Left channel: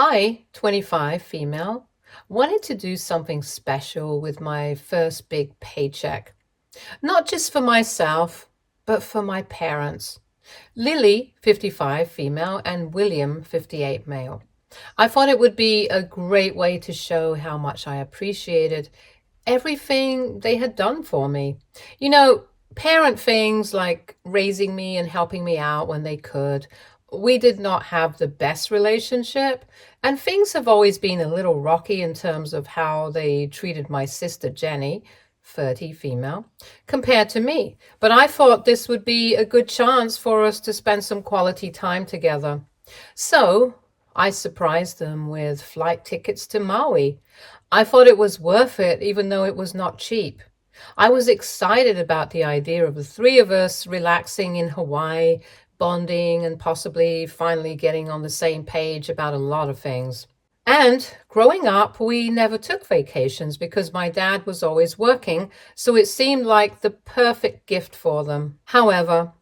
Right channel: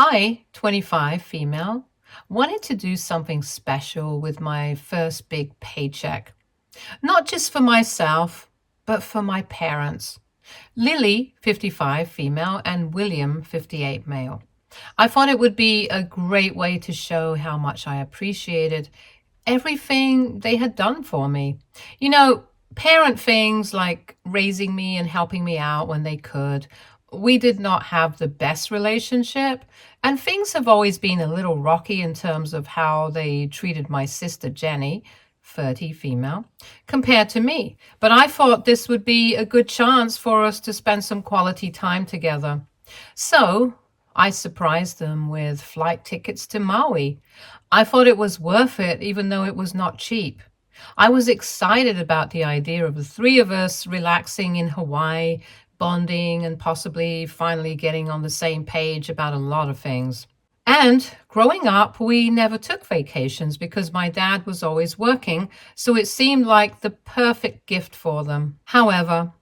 I, 25, female, wanted to do something special with my first big paycheck. Not just for myself, but for my parents. Lily, 55, female, and William, 58, male. I thought it would be a great way to show how much I appreciated everything they had done for me. You know, parent things like raising me and helping me out when they could. We did not have the best relationship, and things have always been a little rocky in terms of how they treated my sister Jenny, 30, female, compared to me. But I thought this would be a good chance for us to spend some quality time together. So I surprised them with flight tickets to Maui. I thought it was worth it, even though it was not cheap. I was excited about the idea of the three of us relaxing in Hawaii, bonding, and possibly finally getting on the same page about a lot of things. And growing up, we never took vacations because my dad was always working, so it seemed like the perfect gift for them. However,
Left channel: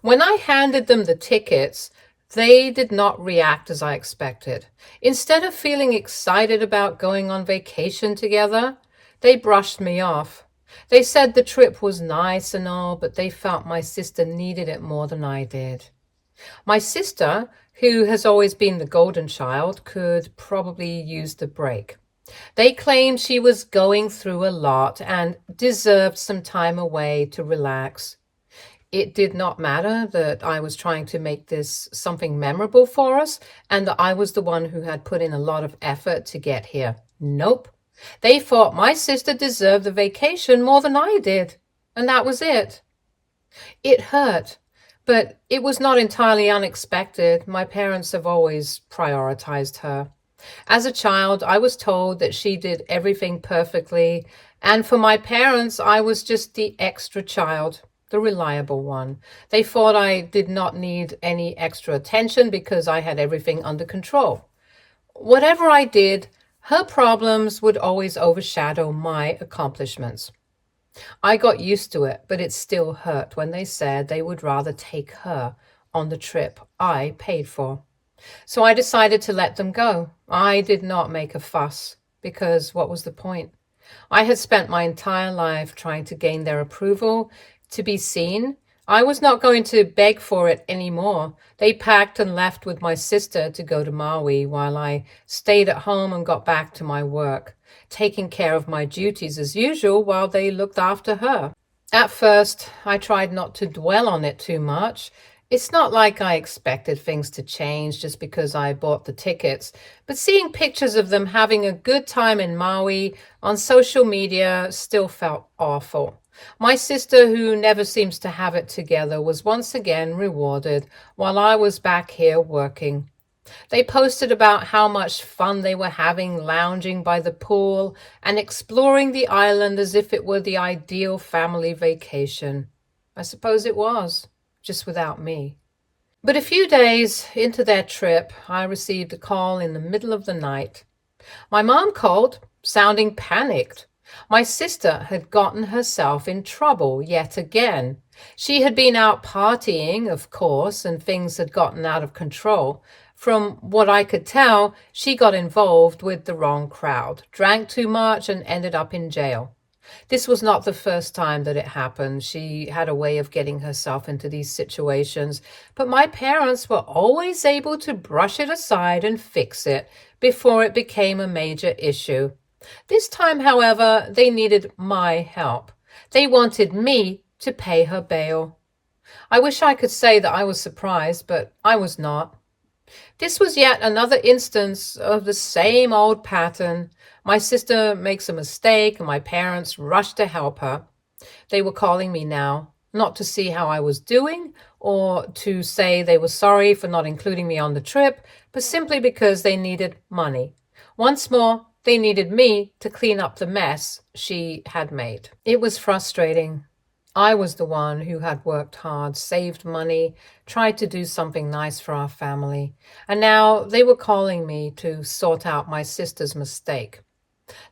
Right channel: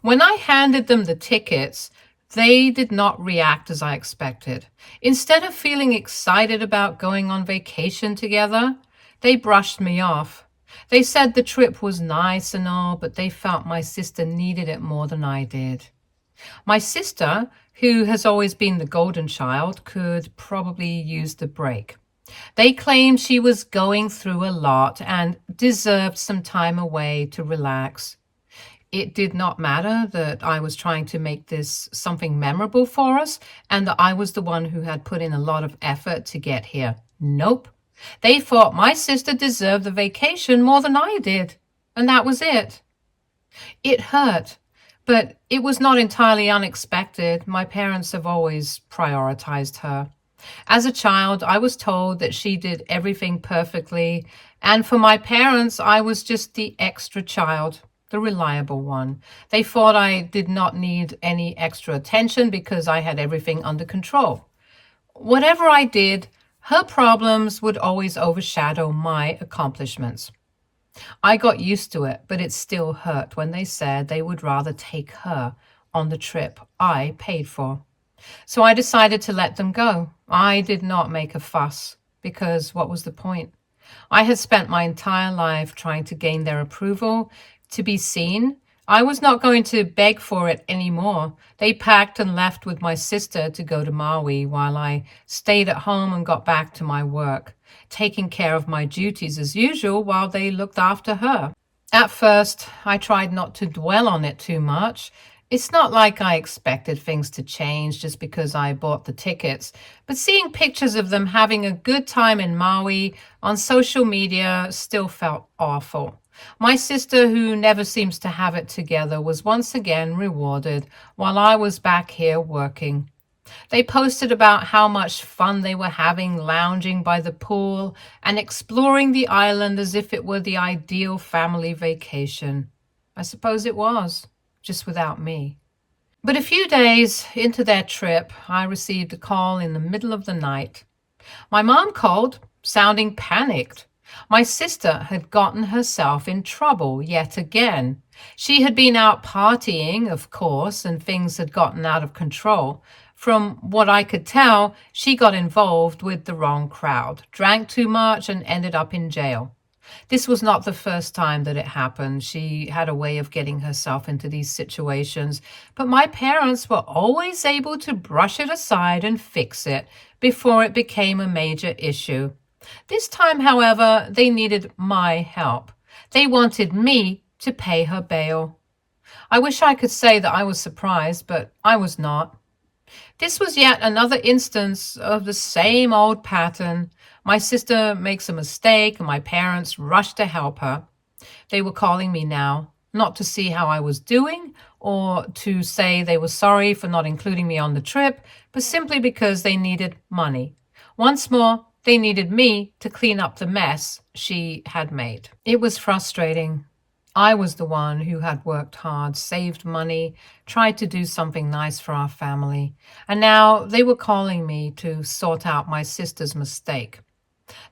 when I handed them the tickets, they did not react as I expected. Instead of feeling excited about going on vacation together, they brushed me off. They said the trip was nice and all, but they felt my sister needed it more than I did. My sister, who has always been the golden child, could probably use the break. They claimed she was going through a lot and deserved some time away to relax. It did not matter that I was trying to make this something memorable for us and that I was the one who had put in a lot of effort to get here. Nope. They thought my sister deserved the vacation more than I did, and that was it. It hurt, but it was not entirely unexpected. My parents have always prioritized her. As a child, I was told that she did everything perfectly, and for my parents, I was just the extra child, the reliable one. They thought I did not need any extra attention because I had everything under control. Whatever I did, her problems would always overshadow my accomplishments. I got used to it, but it still hurt when they said they would rather take her on the trip I paid for. So I decided to let them go. I did not make a fuss because what was the point? I had spent my entire life trying to gain their approval, to be seen. I was not going to beg for it anymore. They packed and left with my sister to go to Maui while I stayed at home and got back to my work, taking care of my duties as usual while they looked after her. At first, I tried not to dwell on it too much. It's not like I expected things to change just because I bought the tickets, but seeing pictures of them having a good time in Maui on social media still felt awful. My sister, who never seems to have it together, was once again rewarded while I was back here working. They posted about how much fun they were having lounging by the pool and exploring the island as if it were the ideal family vacation. I suppose it was, just without me. But a few days into their trip, I received a call in the middle of the night. My mom called, sounding panicked. My sister had gotten herself in trouble yet again. She had been out partying, of course, and things had gotten out of control. From what I could tell, she got involved with the wrong crowd, drank too much, and ended up in jail. This was not the first time that it happened. She had a way of getting herself into these situations, but my parents were always able to brush it aside and fix it before it became a major issue. This time, however, they needed my help. They wanted me to pay her bail. I wish I could say that I was surprised, but I was not. This was yet another instance of the same old pattern. My sister makes a mistake, and my parents rush to help her. They were calling me now, not to see how I was doing or to say they were sorry for not including me on the trip, but simply because they needed money. Once more, they needed me to clean up the mess she had made. It was frustrating. I was the one who had worked hard, saved money, tried to do something nice for our family, and now they were calling me to sort out my sister's mistake.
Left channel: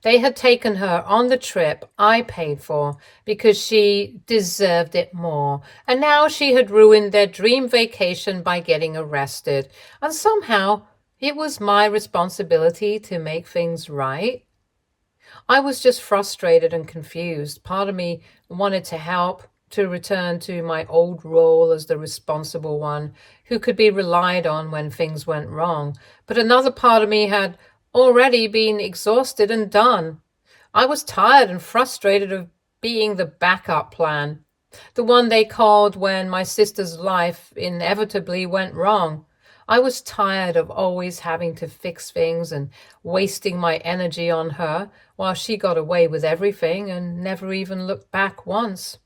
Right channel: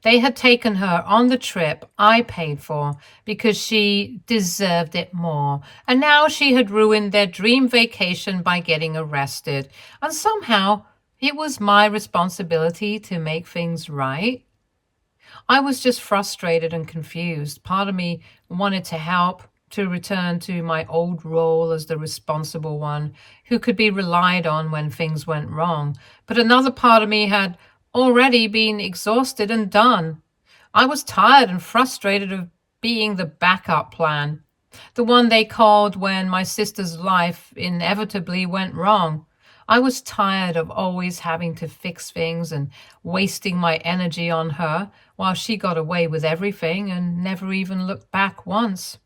They had taken her on the trip I paid for because she deserved it more, and now she had ruined their dream vacation by getting arrested, and somehow It was my responsibility to make things right. I was just frustrated and confused. Part of me wanted to help, to return to my old role as the responsible one who could be relied on when things went wrong. But another part of me had already been exhausted and done. I was tired and frustrated of being the backup plan, the one they called when my sister's life inevitably went wrong. I was tired of always having to fix things and wasting my energy on her while she got away with everything and never even looked back once.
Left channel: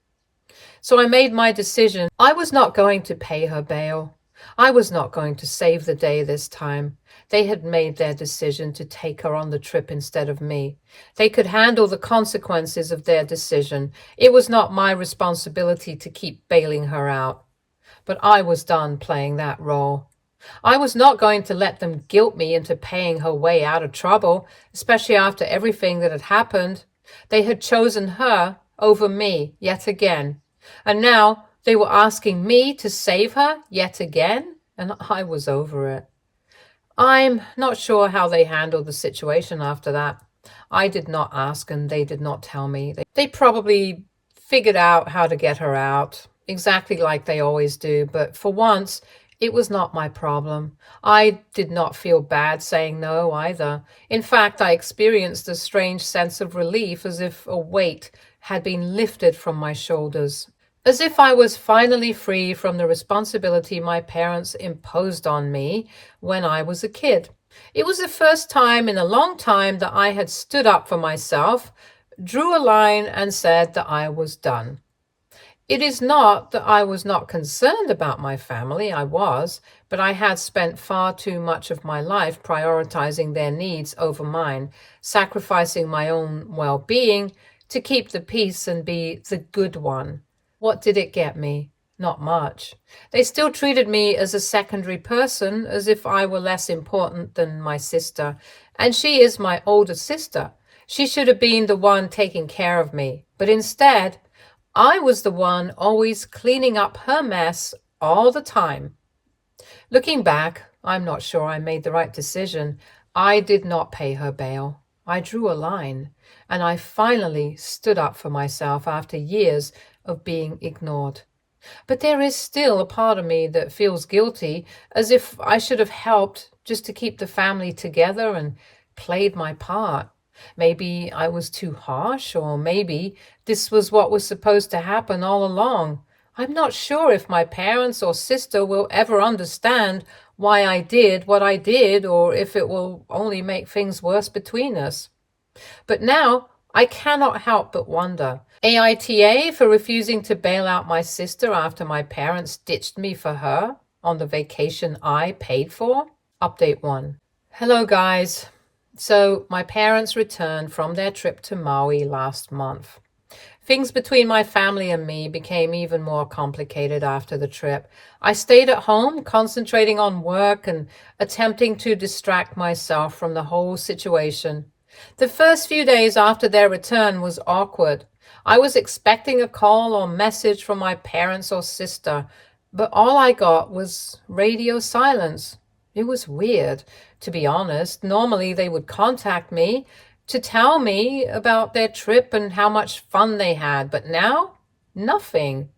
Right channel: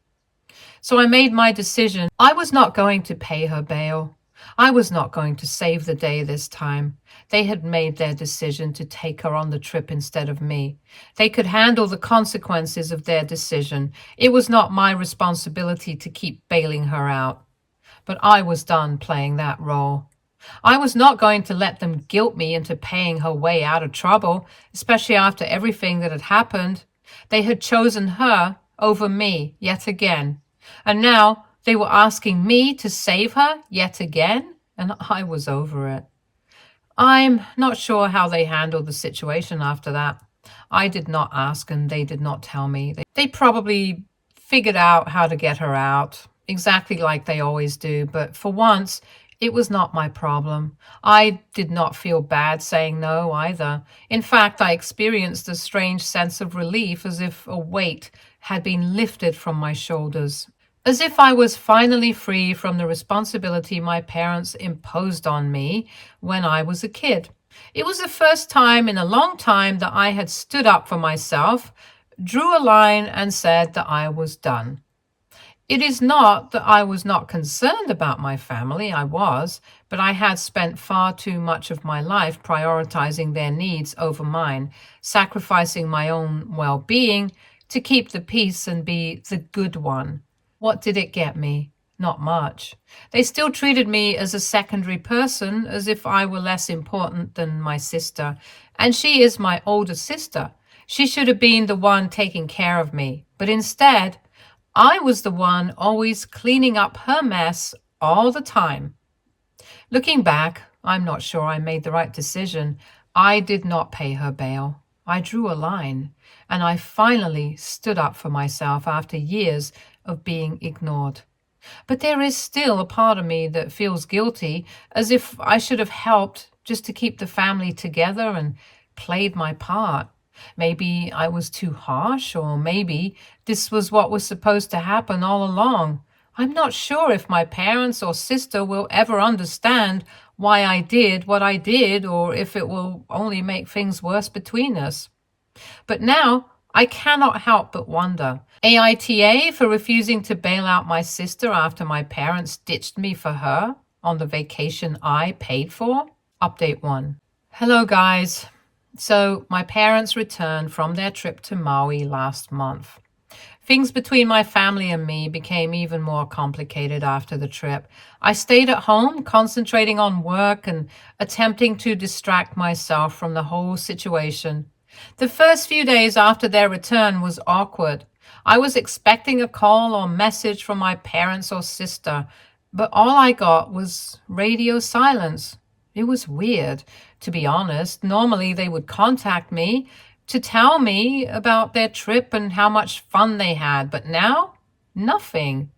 So I made my decision. I was not going to pay her bail. I was not going to save the day this time. They had made their decision to take her on the trip instead of me. They could handle the consequences of their decision. It was not my responsibility to keep bailing her out. But I was done playing that role. I was not going to let them guilt me into paying her way out of trouble, especially after everything that had happened. They had chosen her over me yet again. And now they were asking me to save her yet again, and I was over it. I'm not sure how they handled the situation after that. I did not ask and they did not tell me. They probably figured out how to get her out, exactly like they always do, but for once, it was not my problem. I did not feel bad saying no either. In fact, I experienced a strange sense of relief, as if a weight had been lifted from my shoulders, as if I was finally free from the responsibility my parents imposed on me when I was a kid. It was the first time in a long time that I had stood up for myself, drew a line, and said that I was done. It is not that I was not concerned about my family, I was, but I had spent far too much of my life prioritizing their needs over mine, sacrificing my own well-being to keep the peace and be the good one. What did it get me? Not much. They still treated me as a secondary person, as if I were less important than my sister. And she is my older sister. She should have been the one taking care of me. But instead, I was the one always cleaning up her mess all the time. Looking back, I'm not sure I made the right decision. I did not pay her bail. I drew a line, and I finally stood up for myself after years of being ignored. But there is still a part of me that feels guilty, as if I should have helped just to keep the family together and played my part. Maybe I was too harsh, or maybe this was what was supposed to happen all along. I'm not sure if my parents or sister will ever understand why I did what I did, or if it will only make things worse between us. But now I cannot help but wonder. AITA for refusing to bail out my sister after my parents ditched me for her on the vacation I paid for? Update 1. Hello, guys. So my parents returned from their trip to Maui last month. Things between my family and me became even more complicated after the trip. I stayed at home, concentrating on work and attempting to distract myself from the whole situation. The first few days after their return was awkward. I was expecting a call or message from my parents or sister, but all I got was radio silence. It was weird, to be honest. Normally they would contact me to tell me about their trip and how much fun they had, but now, nothing.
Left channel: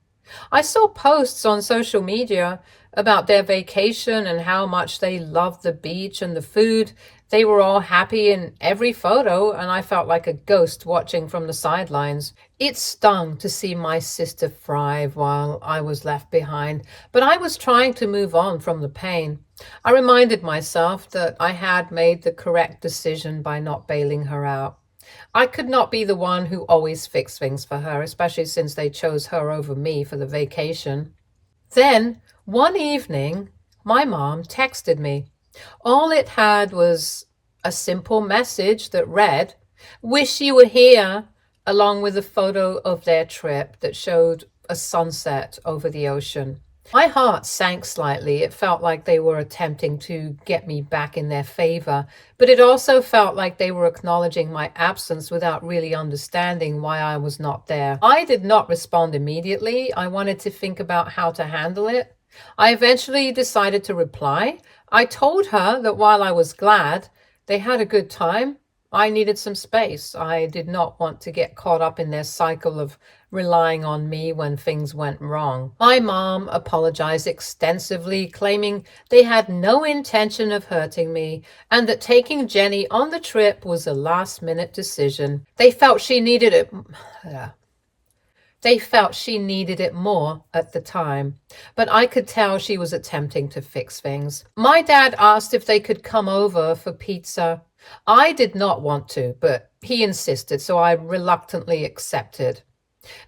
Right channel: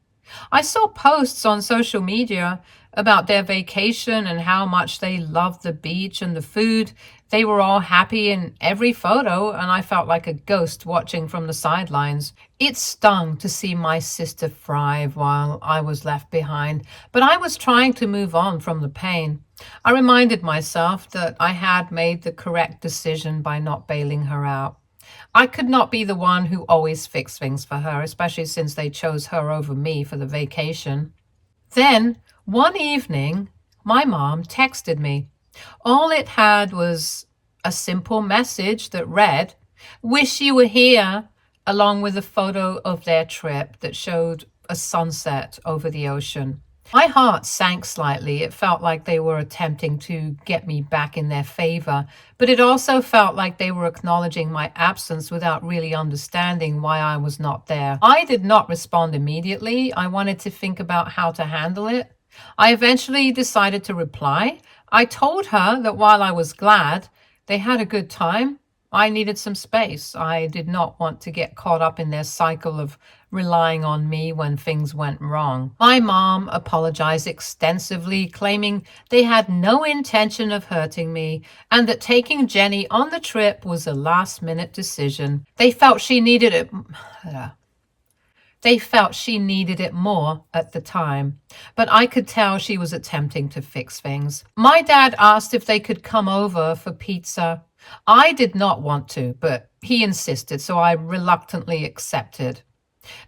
I saw posts on social media about their vacation and how much they loved the beach and the food. They were all happy in every photo, and I felt like a ghost watching from the sidelines. It stung to see my sister thrive while I was left behind, but I was trying to move on from the pain. I reminded myself that I had made the correct decision by not bailing her out. I could not be the one who always fixed things for her, especially since they chose her over me for the vacation. Then, one evening, my mom texted me. All it had was a simple message that read, "Wish you were here," along with a photo of their trip that showed a sunset over the ocean. My heart sank slightly. It felt like they were attempting to get me back in their favor, but it also felt like they were acknowledging my absence without really understanding why I was not there. I did not respond immediately. I wanted to think about how to handle it. I eventually decided to reply, I told her that while I was glad they had a good time, I needed some space. I did not want to get caught up in their cycle of relying on me when things went wrong. My mom apologized extensively, claiming they had no intention of hurting me and that taking Jenny on the trip was a last-minute decision. They felt she needed it more at the time, but I could tell she was attempting to fix things. My dad asked if they could come over for pizza. I did not want to, but he insisted, so I reluctantly accepted.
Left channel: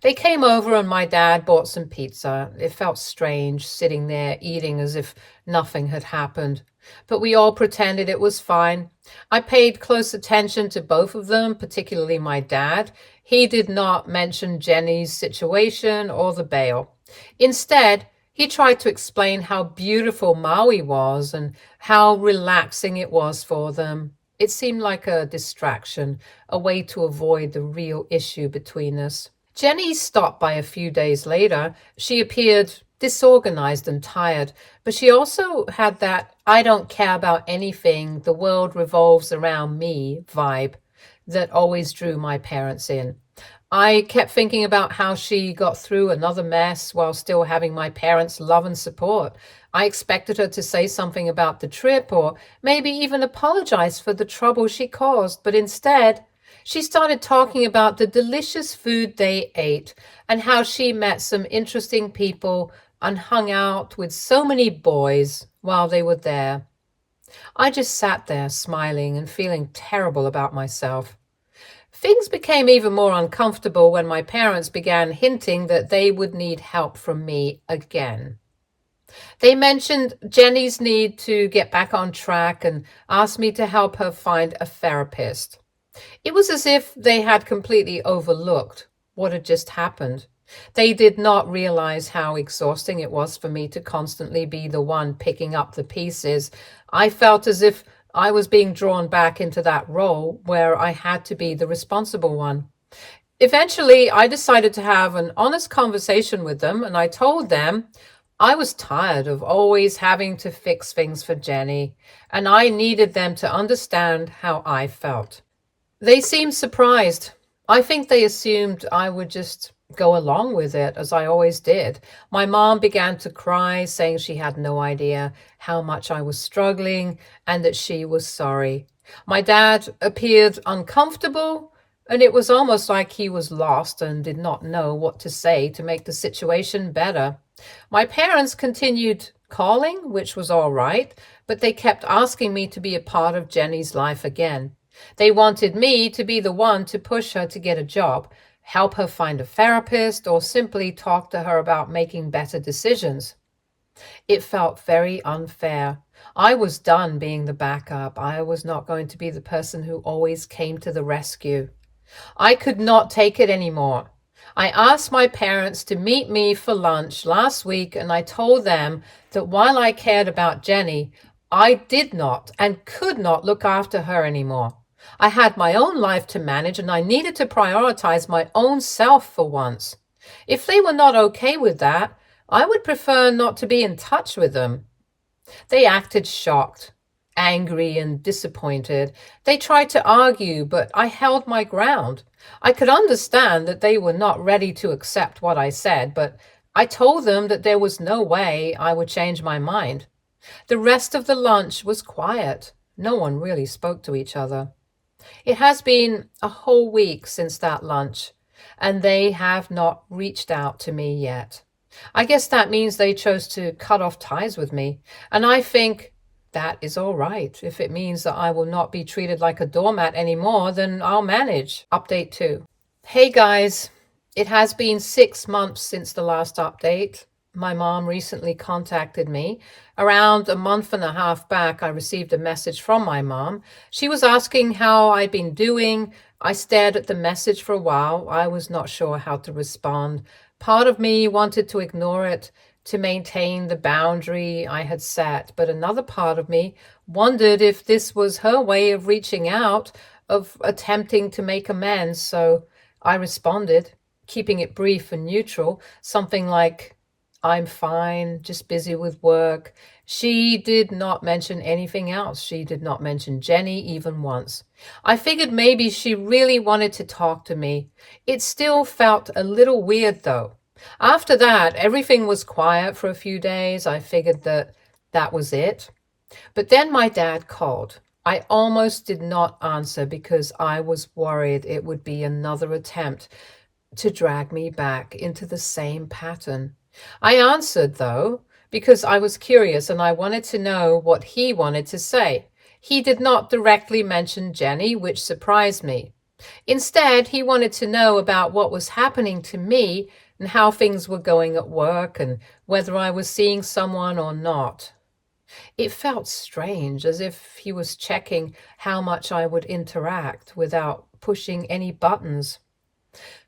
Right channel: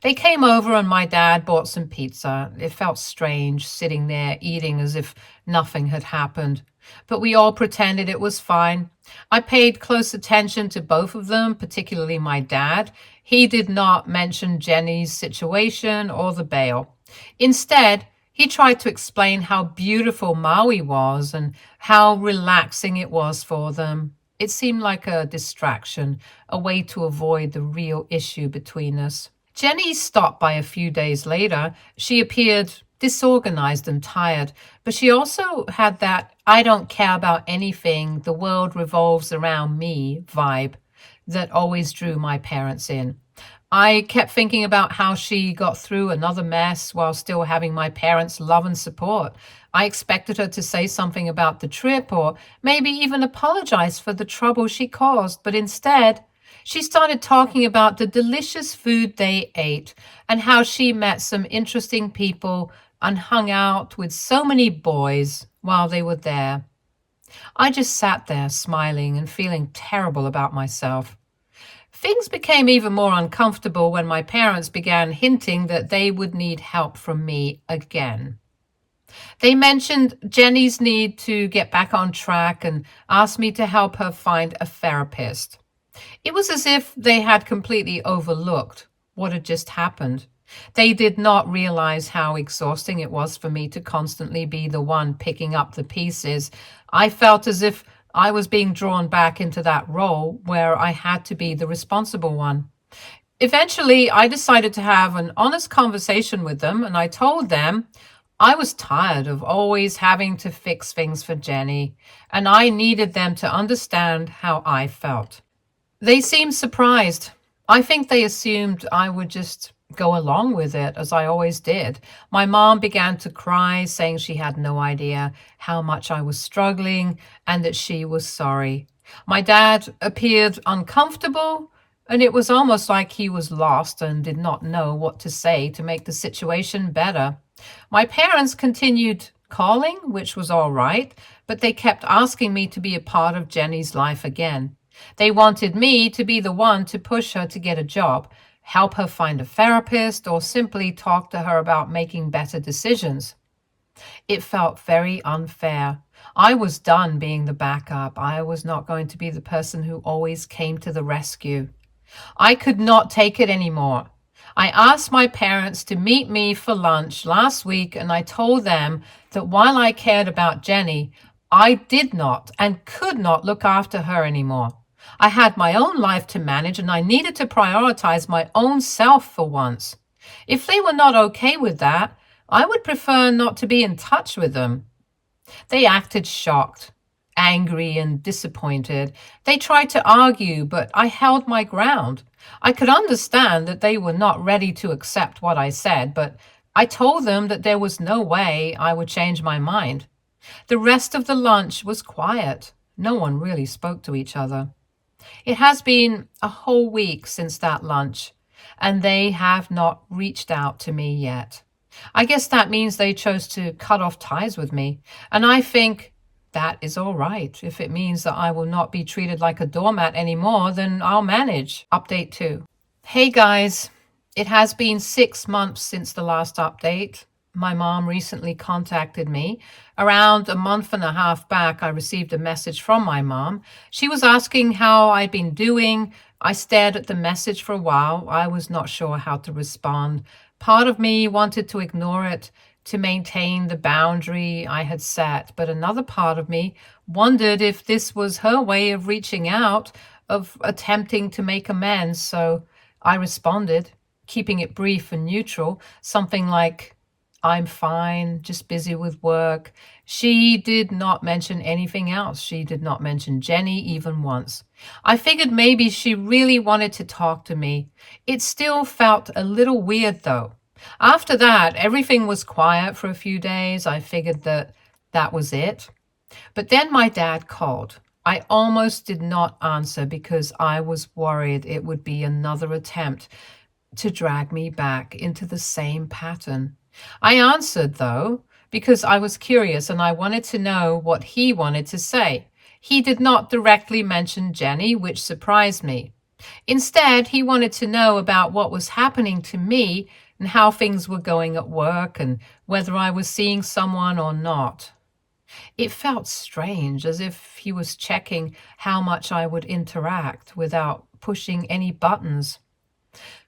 They came over and my dad bought some pizza. It felt strange sitting there eating as if nothing had happened, but we all pretended it was fine. I paid close attention to both of them, particularly my dad. He did not mention Jenny's situation or the bail. Instead, he tried to explain how beautiful Maui was and how relaxing it was for them. It seemed like a distraction, a way to avoid the real issue between us. Jenny stopped by a few days later. She appeared disorganized and tired, but she also had that I don't care about anything, the world revolves around me vibe that always drew my parents in. I kept thinking about how she got through another mess while still having my parents' love and support. I expected her to say something about the trip or maybe even apologize for the trouble she caused, but instead, she started talking about the delicious food they ate and how she met some interesting people and hung out with so many boys while they were there. I just sat there smiling and feeling terrible about myself. Things became even more uncomfortable when my parents began hinting that they would need help from me again. They mentioned Jenny's need to get back on track and asked me to help her find a therapist. It was as if they had completely overlooked what had just happened. They did not realize how exhausting it was for me to constantly be the one picking up the pieces. I felt as if I was being drawn back into that role where I had to be the responsible one. Eventually, I decided to have an honest conversation with them, and I told them I was tired of always having to fix things for Jenny, and I needed them to understand how I felt. They seemed surprised. I think they assumed I would just go along with it, as I always did. My mom began to cry, saying she had no idea how much I was struggling and that she was sorry. My dad appeared uncomfortable, and it was almost like he was lost and did not know what to say to make the situation better. My parents continued calling, which was all right, but they kept asking me to be a part of Jenny's life again. They wanted me to be the one to push her to get a job, help her find a therapist, or simply talk to her about making better decisions. It felt very unfair. I was done being the backup. I was not going to be the person who always came to the rescue. I could not take it anymore. I asked my parents to meet me for lunch last week, and I told them that while I cared about Jenny, I did not and could not look after her anymore. I had my own life to manage, and I needed to prioritize my own self for once. If they were not okay with that, I would prefer not to be in touch with them. They acted shocked, angry, and disappointed. They tried to argue, but I held my ground. I could understand that they were not ready to accept what I said, but I told them that there was no way I would change my mind. The rest of the lunch was quiet. No one really spoke to each other. It has been a whole week since that lunch, and they have not reached out to me yet. I guess that means they chose to cut off ties with me, and I think that is all right. If it means that I will not be treated like a doormat anymore, then I'll manage. Update 2. Hey guys, it has been 6 months since the last update. My mom recently contacted me. Around a month and a half back, I received a message from my mom. She was asking how I'd been doing. I stared at the message for a while. I was not sure how to respond. Part of me wanted to ignore it to maintain the boundary I had set, but another part of me wondered if this was her way of reaching out, of attempting to make amends. So I responded, keeping it brief and neutral, something like, I'm fine, just busy with work. She did not mention anything else. She did not mention Jenny even once. I figured maybe she really wanted to talk to me. It still felt a little weird, though. After that, everything was quiet for a few days. I figured that that was it. But then my dad called. I almost did not answer because I was worried it would be another attempt to drag me back into the same pattern. I answered, though, because I was curious and I wanted to know what he wanted to say. He did not directly mention Jenny, which surprised me. Instead, he wanted to know about what was happening to me and how things were going at work and whether I was seeing someone or not. It felt strange, as if he was checking how much I would interact without pushing any buttons.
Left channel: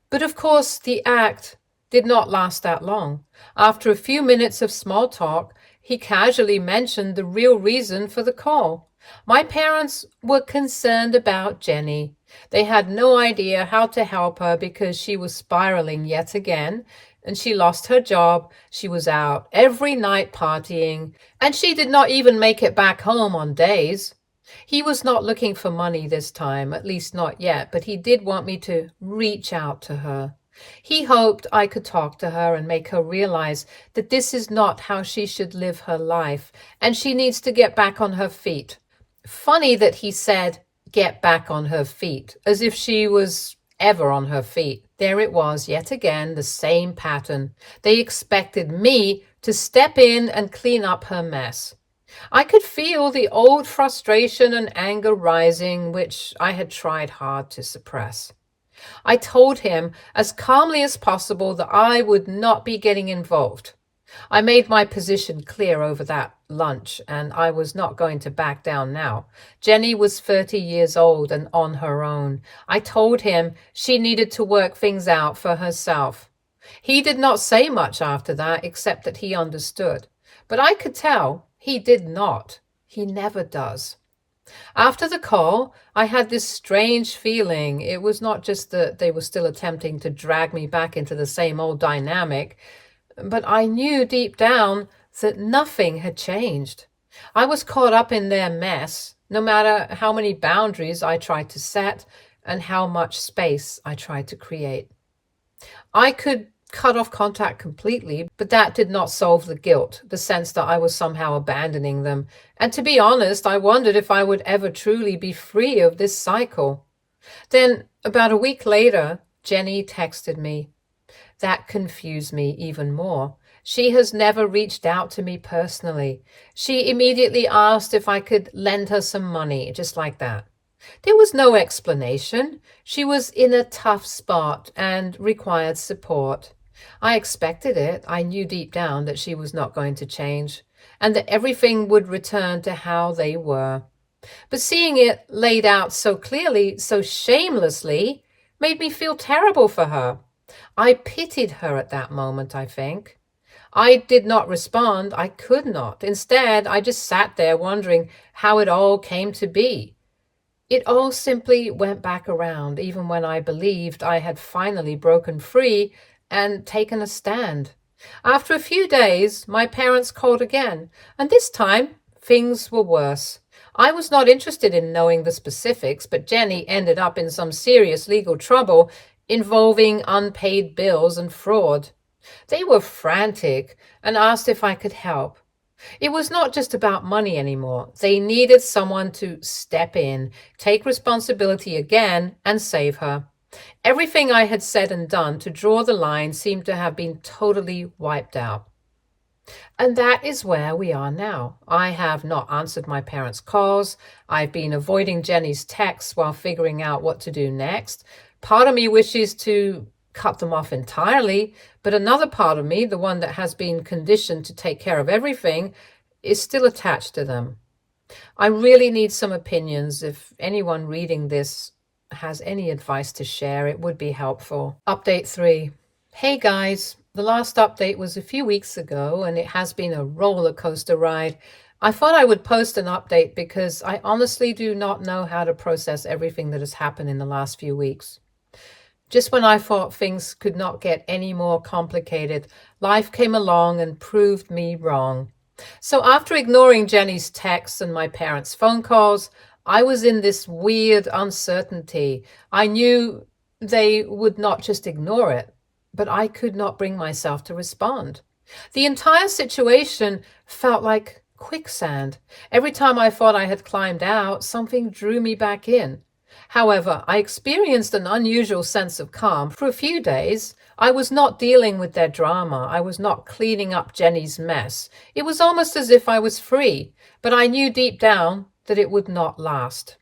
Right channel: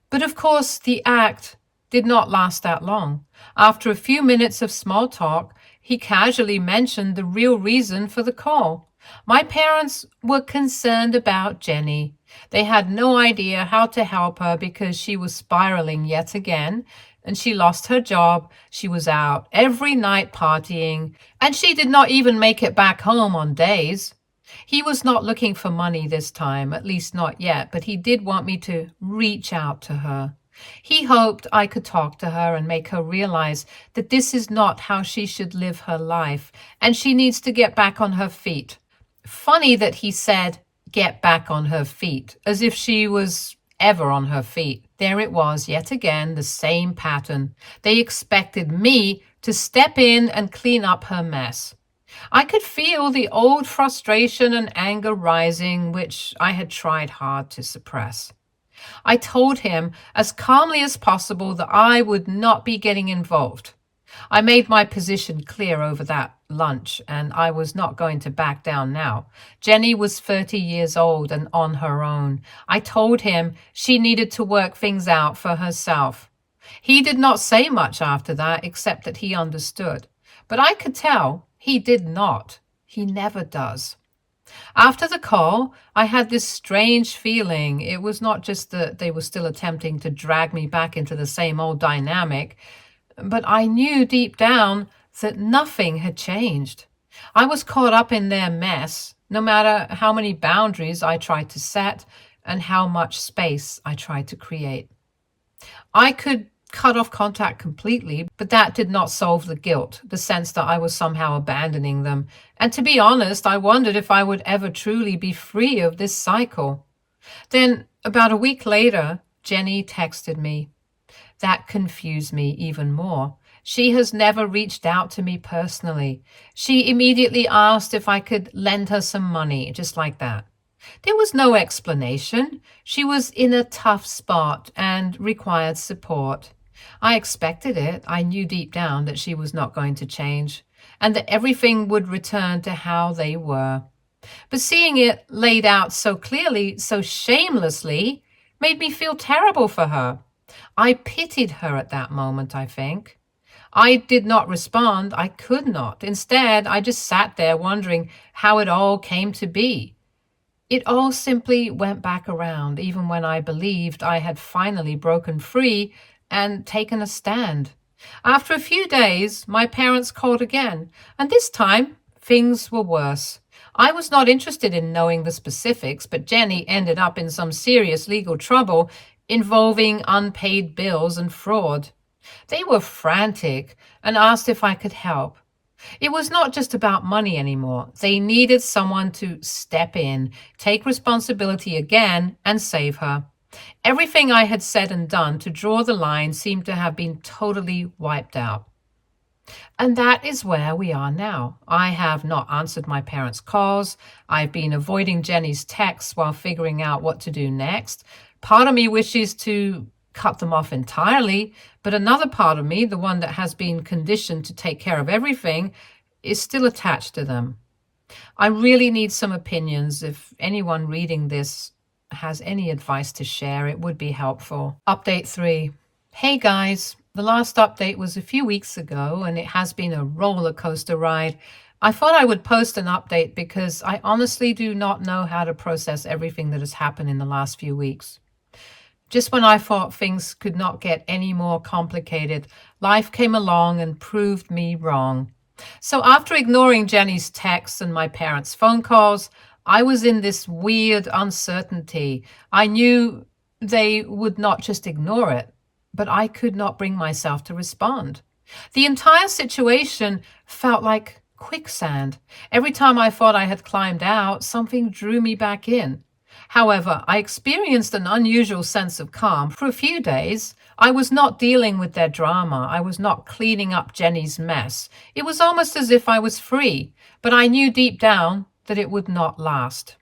But of course, the act did not last that long. After a few minutes of small talk, he casually mentioned the real reason for the call. My parents were concerned about Jenny. They had no idea how to help her because she was spiraling yet again, and she lost her job. She was out every night partying, and she did not even make it back home on days. He was not looking for money this time, at least not yet, but he did want me to reach out to her. He hoped I could talk to her and make her realize that this is not how she should live her life, and she needs to get back on her feet. Funny that he said, get back on her feet, as if she was ever on her feet. There it was, yet again, the same pattern. They expected me to step in and clean up her mess. I could feel the old frustration and anger rising, which I had tried hard to suppress. I told him as calmly as possible that I would not be getting involved. I made my position clear over that lunch, and I was not going to back down now. Jenny was 30 years old and on her own. I told him she needed to work things out for herself. He did not say much after that, except that he understood. But I could tell he did not. He never does. After the call, I had this strange feeling. It was not just that they were still attempting to drag me back into the same old dynamic, but I knew deep down that nothing had changed. I was caught up in their mess, no matter how many boundaries I tried to set and how much space I tried to create. I could cut off contact completely, but that did not solve the guilt, the sense that I was somehow abandoning them. And to be honest, I wondered if I would ever truly be free of this cycle. Then, about a week later, Jenny texted me. That confused me even more. She has never reached out to me personally. She immediately asked if I could lend her some money, just like that. There was no explanation. She was in a tough spot and required support. I expected it. I knew deep down that she was not going to change and that everything would return to how they were. But seeing it laid out so clearly, so shamelessly, made me feel terrible for her. I pitied her at that moment, I think. I did not respond. I could not. Instead, I just sat there wondering how it all came to be. It all simply went back around, even when I believed I had finally broken free and taken a stand. After a few days, my parents called again, and this time things were worse. I was not interested in knowing the specifics, but Jenny ended up in some serious legal trouble involving unpaid bills and fraud. They were frantic and asked if I could help. It was not just about money anymore. They needed someone to step in, take responsibility again, and save her. Everything I had said and done to draw the line seemed to have been totally wiped out. And that is where we are now. I have not answered my parents' calls. I've been avoiding Jenny's texts while figuring out what to do next. Part of me wishes to cut them off entirely, but another part of me, the one that has been conditioned to take care of everything, is still attached to them. I really need some opinions. If anyone reading this has any advice to share, it would be helpful. Update 3. Hey guys, the last update was a few weeks ago and it has been a roller coaster ride. I thought I would post an update because I honestly do not know how to process everything that has happened in the last few weeks. Just when I thought things could not get any more complicated, life came along and proved me wrong. So after ignoring Jenny's texts and my parents' phone calls, I was in this weird uncertainty. I knew they would not just ignore it, but I could not bring myself to respond. The entire situation felt like quicksand. Every time I thought I had climbed out, something drew me back in. However, I experienced an unusual sense of calm. For a few days, I was not dealing with their drama. I was not cleaning up Jenny's mess. It was almost as if I was free, but I knew deep down that it would not last.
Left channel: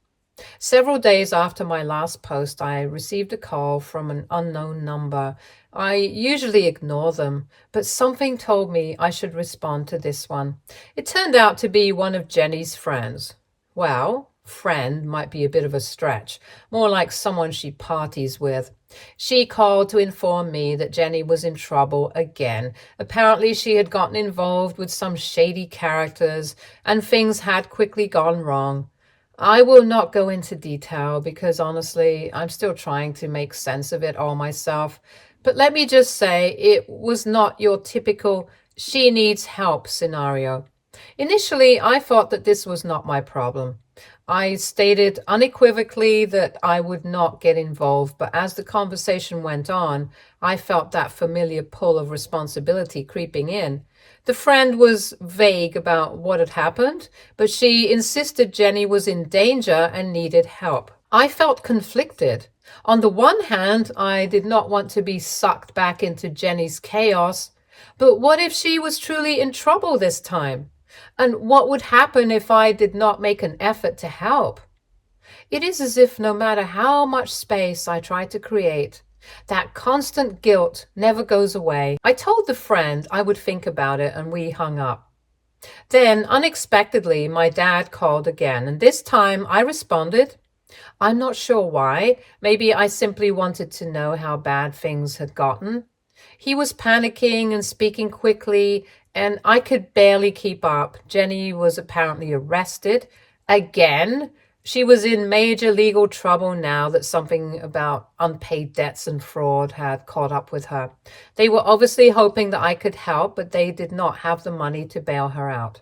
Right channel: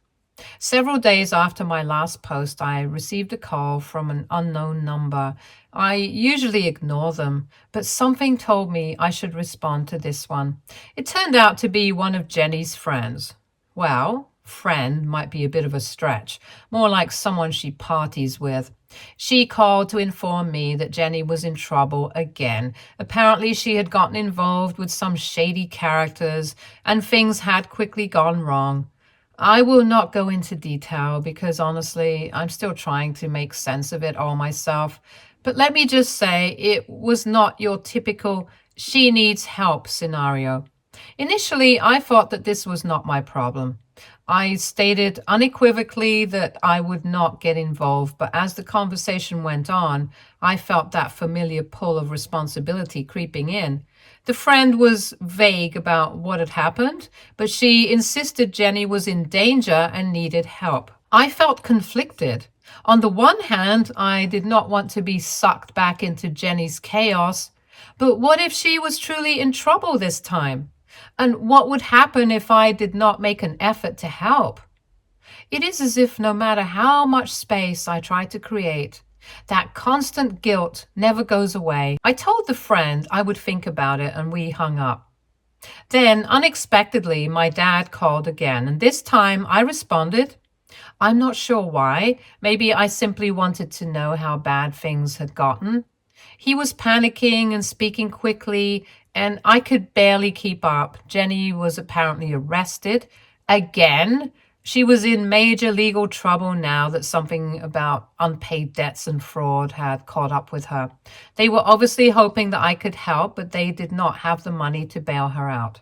Several days after my last post, I received a call from an unknown number. I usually ignore them, but something told me I should respond to this one. It turned out to be one of Jenny's friends. Well, friend might be a bit of a stretch, more like someone she parties with. She called to inform me that Jenny was in trouble again. Apparently, she had gotten involved with some shady characters, and things had quickly gone wrong. I will not go into detail because honestly, I'm still trying to make sense of it all myself. But let me just say, it was not your typical she needs help scenario. Initially, I thought that this was not my problem. I stated unequivocally that I would not get involved, but as the conversation went on, I felt that familiar pull of responsibility creeping in. The friend was vague about what had happened, but she insisted Jenny was in danger and needed help. I felt conflicted. On the one hand, I did not want to be sucked back into Jenny's chaos, but what if she was truly in trouble this time? And what would happen if I did not make an effort to help? It is as if no matter how much space I try to create, that constant guilt never goes away. I told the friend I would think about it and we hung up. Then, unexpectedly, my dad called again, and this time I responded. I'm not sure why. Maybe I simply wanted to know how bad things had gotten. He was panicking and speaking quickly, and I could barely keep up. Jenny was apparently arrested again. She was in major legal trouble now that something about unpaid debts and fraud had caught up with her. They were obviously hoping that I could help, but they did not have the money to bail her out.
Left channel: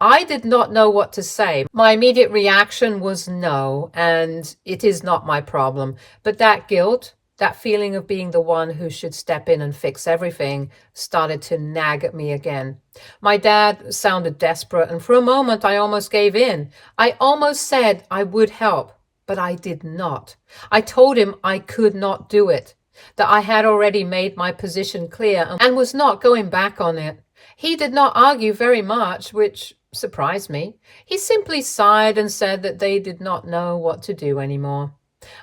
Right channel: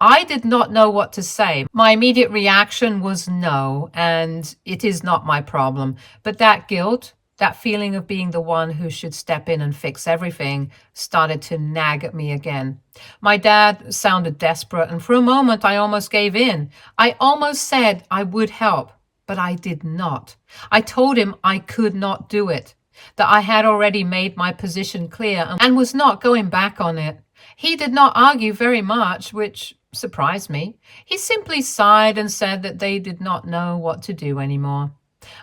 I did not know what to say. My immediate reaction was no, and it is not my problem. But that guilt, that feeling of being the one who should step in and fix everything, started to nag at me again. My dad sounded desperate, and for a moment I almost gave in. I almost said I would help, but I did not. I told him I could not do it, that I had already made my position clear and was not going back on it. He did not argue very much, which surprised me. He simply sighed and said that they did not know what to do anymore.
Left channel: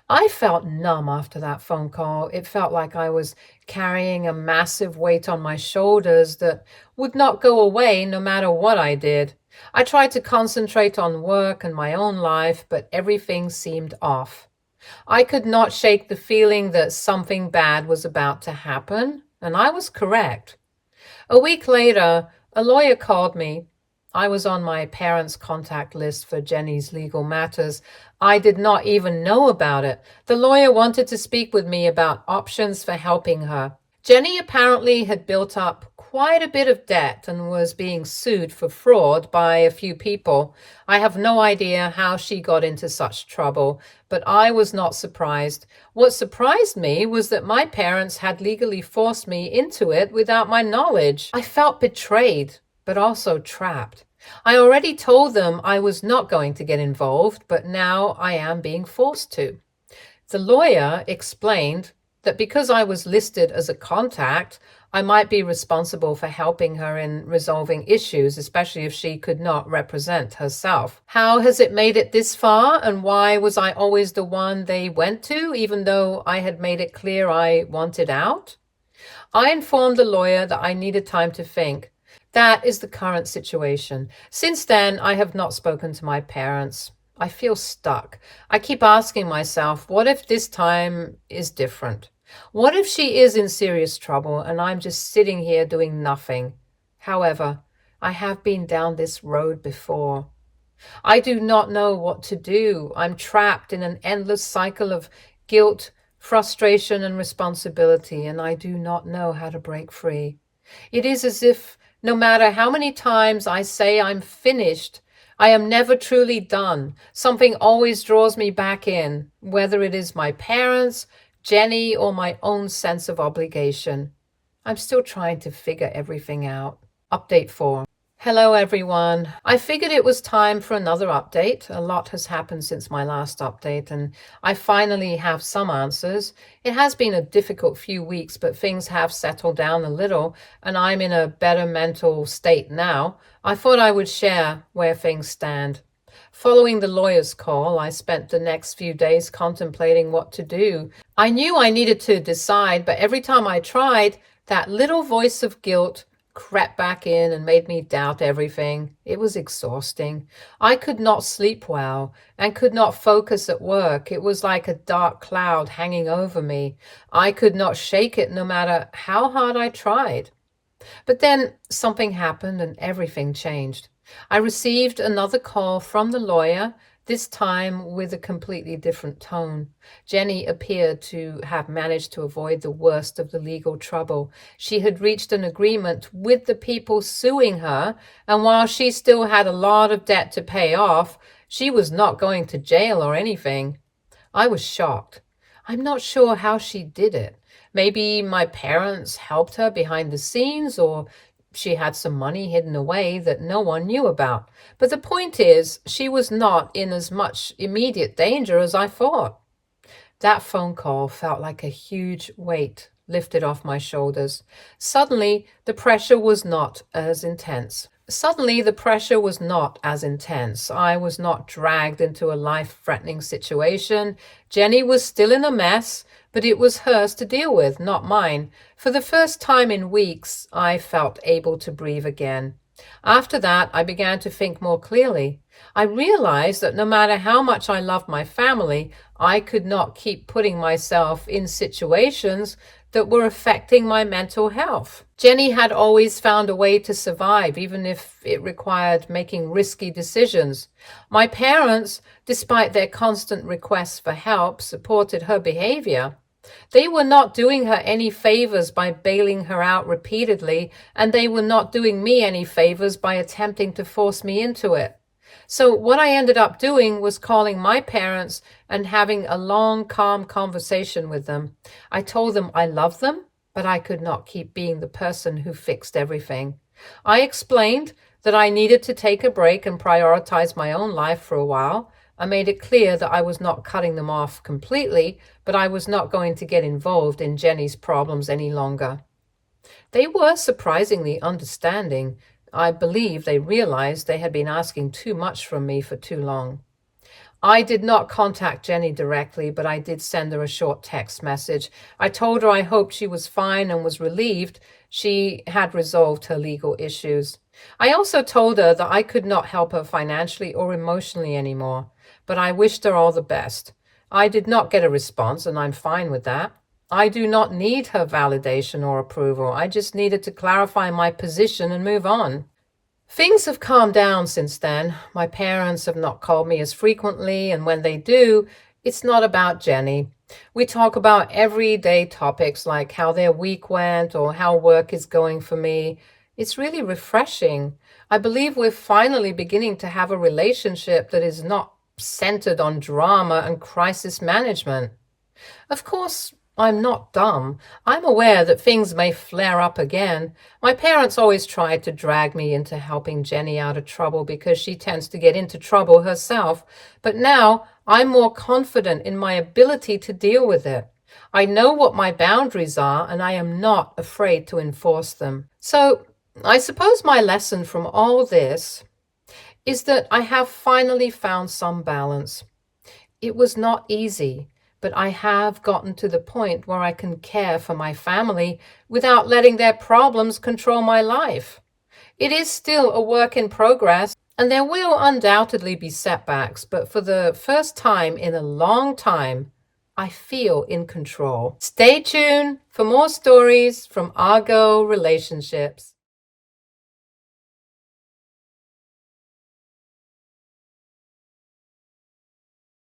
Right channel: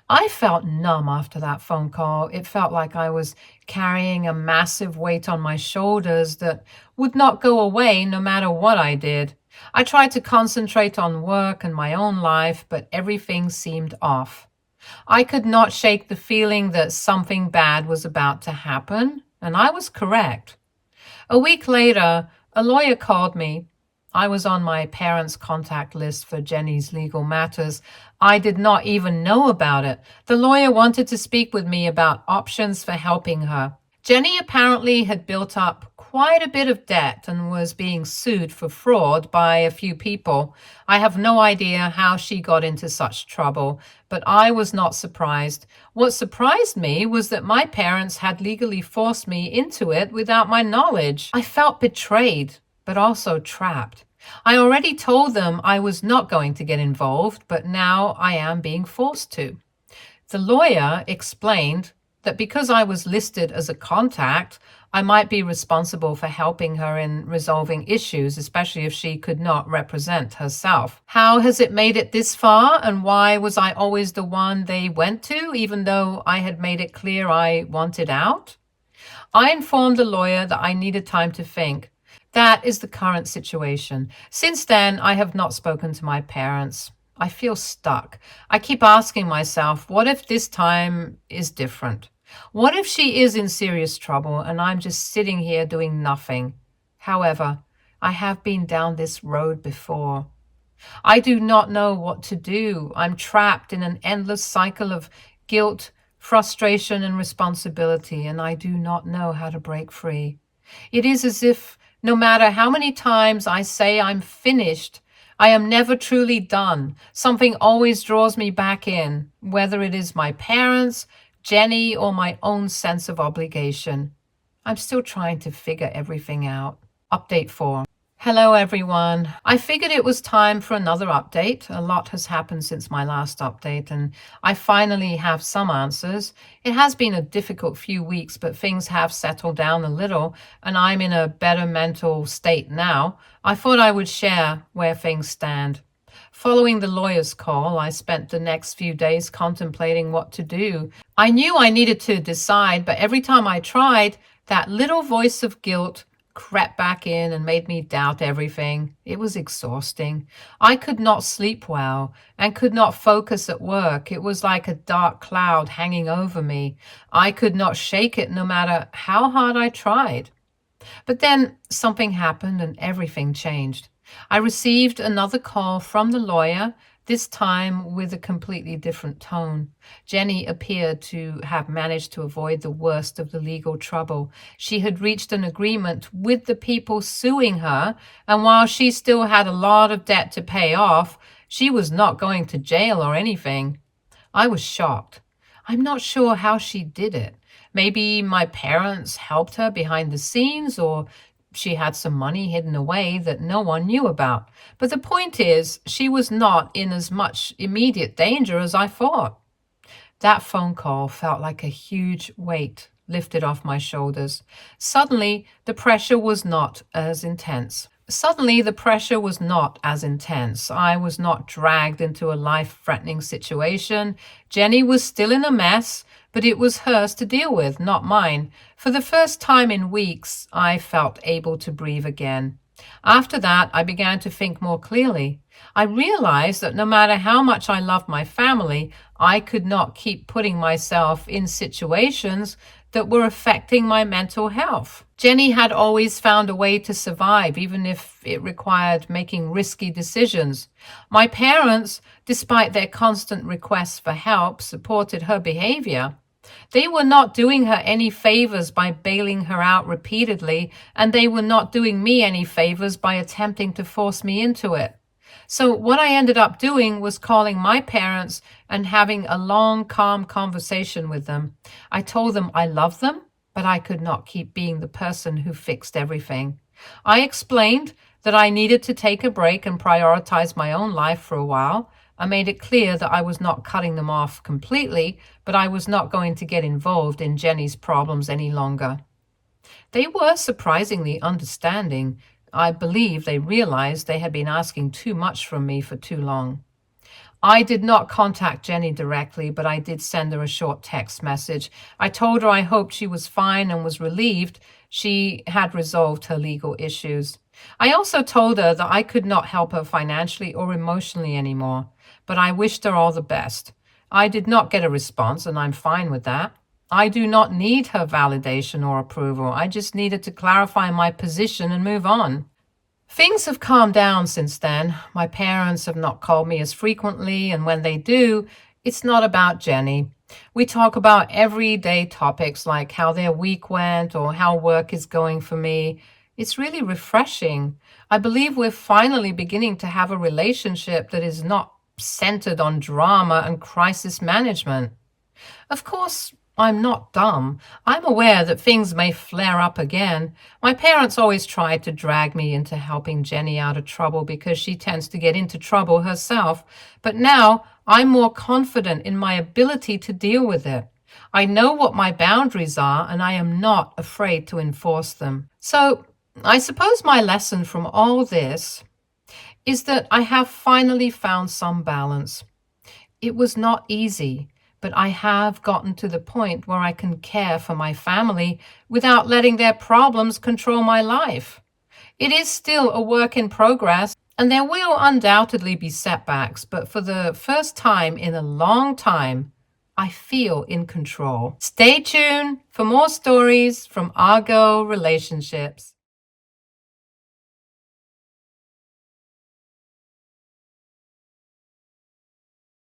I felt numb after that phone call. It felt like I was carrying a massive weight on my shoulders that would not go away no matter what I did. I tried to concentrate on work and my own life, but everything seemed off. I could not shake the feeling that something bad was about to happen, and I was correct. A week later, a lawyer called me. I was on my parents' contact list for Jenny's legal matters. I did not even know about it. The lawyer wanted to speak with me about options for helping her. Jenny apparently had built up quite a bit of debt and was being sued for fraud by a few people. I have no idea how she got into such trouble, but I was not surprised. What surprised me was that my parents had legally forced me into it without my knowledge. I felt betrayed, but also trapped. I already told them I was not going to get involved, but now I am being forced to. The lawyer explained that because I was listed as a contact, I might be responsible for helping her in resolving issues, especially if she could not represent herself. How has it made it this far, and why was I always the one they went to, even though I had made it clear I wanted out? I informed the lawyer that I needed time to think. That is the current situation. Since then, I have not spoken to my parents. I feel stuck. I keep asking myself, what if this time is different? What if she is in serious trouble and I'm just sitting here doing nothing? However, I have been down this road before. I do not know what to do. I'm trapped in an endless cycle of guilt, frustration, and responsibility, and I do not know how to break free. It is as if No matter how many times I say I'm finished, I am never truly done. Something always draws me back in, whether it is my parents, Jenny, or my own sense of obligation. I'm still trying to figure everything out. Update 4. Hello, everyone. I figured it was time for another update. A lot has happened since my last update, and I finally have some answers. It has been a difficult few weeks, but things have settled down a little, and I'm in a better mental state now. I thought I would share where things stand. Following the lawyer's call, I spent the next few days contemplating what to do. I knew I needed to decide, but every time I tried, that little voice of guilt crept back in and made me doubt everything. It was exhausting. I could not sleep well and could not focus at work. It was like a dark cloud hanging over me. I could not shake it no matter how hard I tried. But then something happened and everything changed. I received another call from the lawyer, this time with a completely different tone. Jenny appeared to have managed to avoid the worst of the legal trouble. She had reached an agreement with the people suing her, and while she still had a lot of debt to pay off, she was not going to jail or anything. I was shocked. I'm not sure how she did it. Maybe my parents helped her behind the scenes, or she had some money hidden away that no one knew about. But the point is, she was not in as much immediate danger as I thought. That phone call felt like a huge weight lifted off my shoulders. Suddenly, the pressure was not as intense. I was not dragged into a life-threatening situation. Jenny was still in a mess, but it was hers to deal with, not mine. For the first time in weeks, I felt able to breathe again. After that, I began to think more clearly. I realized that no matter how much I loved my family, I could not keep putting myself in situations that were affecting my mental health. Jenny had always found a way to survive, even if it required making risky decisions. My parents, despite their constant requests for help, supported her behavior. They were not doing her any favors by bailing her out repeatedly, and they were not doing me any favors by attempting to force me into it. So what I ended up doing was calling my parents and having a long, calm conversation with them. I told them I loved them, but I could not keep being the person who fixed everything. I explained that I needed to take a break and prioritize my own life for a while. I made it clear that I was not cutting them off completely, but I was not going to get involved in Jenny's problems any longer. They were surprisingly understanding. I believe they realized they had been asking too much from me for too long. I did not contact Jenny directly, but I did send her a short text message. I told her I hoped she was fine and was relieved she had resolved her legal issues. I also told her that I could not help her financially or emotionally anymore, but I wished her all the best. I did not get a response, and I'm fine with that. I do not need her validation or approval. I just needed to clarify my position and move on. Things have calmed down since then. My parents have not called me as frequently, and when they do, it's not about Jenny. We talk about everyday topics like how their week went or how work is going for me. It's really refreshing. I believe we're finally beginning to have a relationship that is not centered on drama and crisis management. Of course, I'm not dumb. I'm aware that things may flare up again. My parents always tried to drag me into helping Jenny out of trouble because she tends to get into trouble herself. But now I'm more confident in my ability to deal with it. I know what my boundaries are, and I am not afraid to enforce them. So I suppose my lesson from all this is that I have finally found some balance. It was not easy, but I have gotten to the point where I can care for my family without letting their problems control my life. It is still a work in progress, and there will undoubtedly be setbacks, but for the first time in a long time, I feel in control. Stay tuned for more stories from Argo Relationships.